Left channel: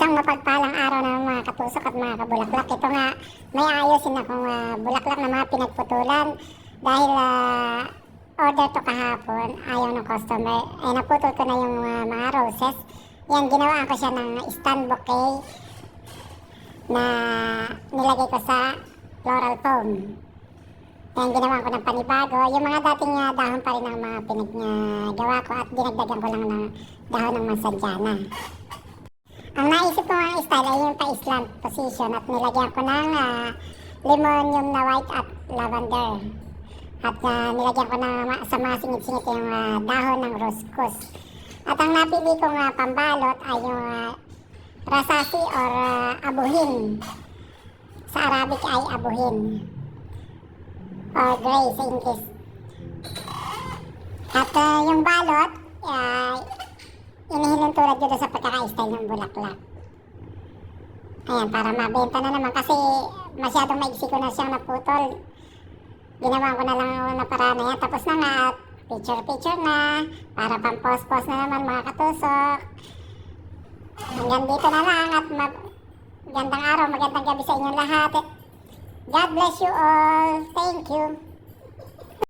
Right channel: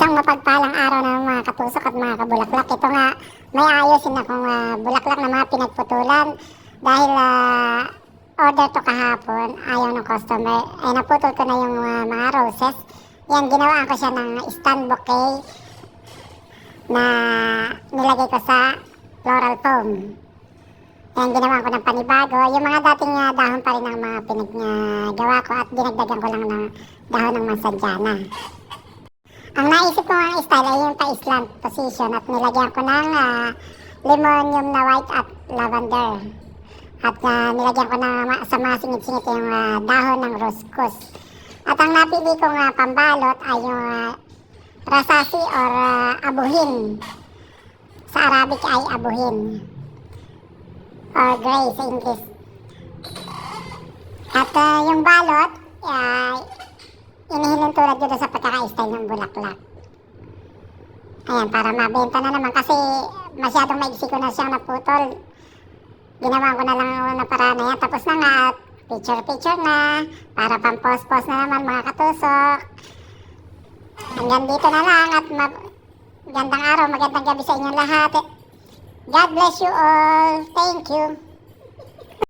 Isang mapagpalang araw na mga katusok at mga kabulaklak. Ito nga, may ayusin akong bulaklak na mga pinagputulan dahil order to kahapon, ayaw ng customer. Ay naputol ko na yung mga roses. Yan, ginawaan ko siya ng stand bouquet na nilagay ko sa floral foam. Yan, ginawa ko ng panibago. Yung mga dating dahon pa rin ang mga pinagawa ko at dinagdagan ko lang ng dahon ng mansanjana. Ang naisip ko ang style ay yung pa-slant position at nilagyan ko ng lemonium na white at lavender. At nilagyan ko na sa mga singit-singit yung dahon ng roscus. At ang napili kong pambalot ay yung rasasi or abuhin. Sa Arabic ay abuhin. Or gray sa English. At yung balot, inihilin tulad yun sa pagkaka-style ng bulaklak. Ayan, para mabenta na naman kasi masyadong maiksi ko na siyang naputol. Ginawa ko na lang na para na yan. Tapos na nga, picture-picture na, para pang-post-post na naman mga katusok. Hanggang dito na lang at magandang araw, magandang gabi sa inyong lahat. God bless you all. Thank you.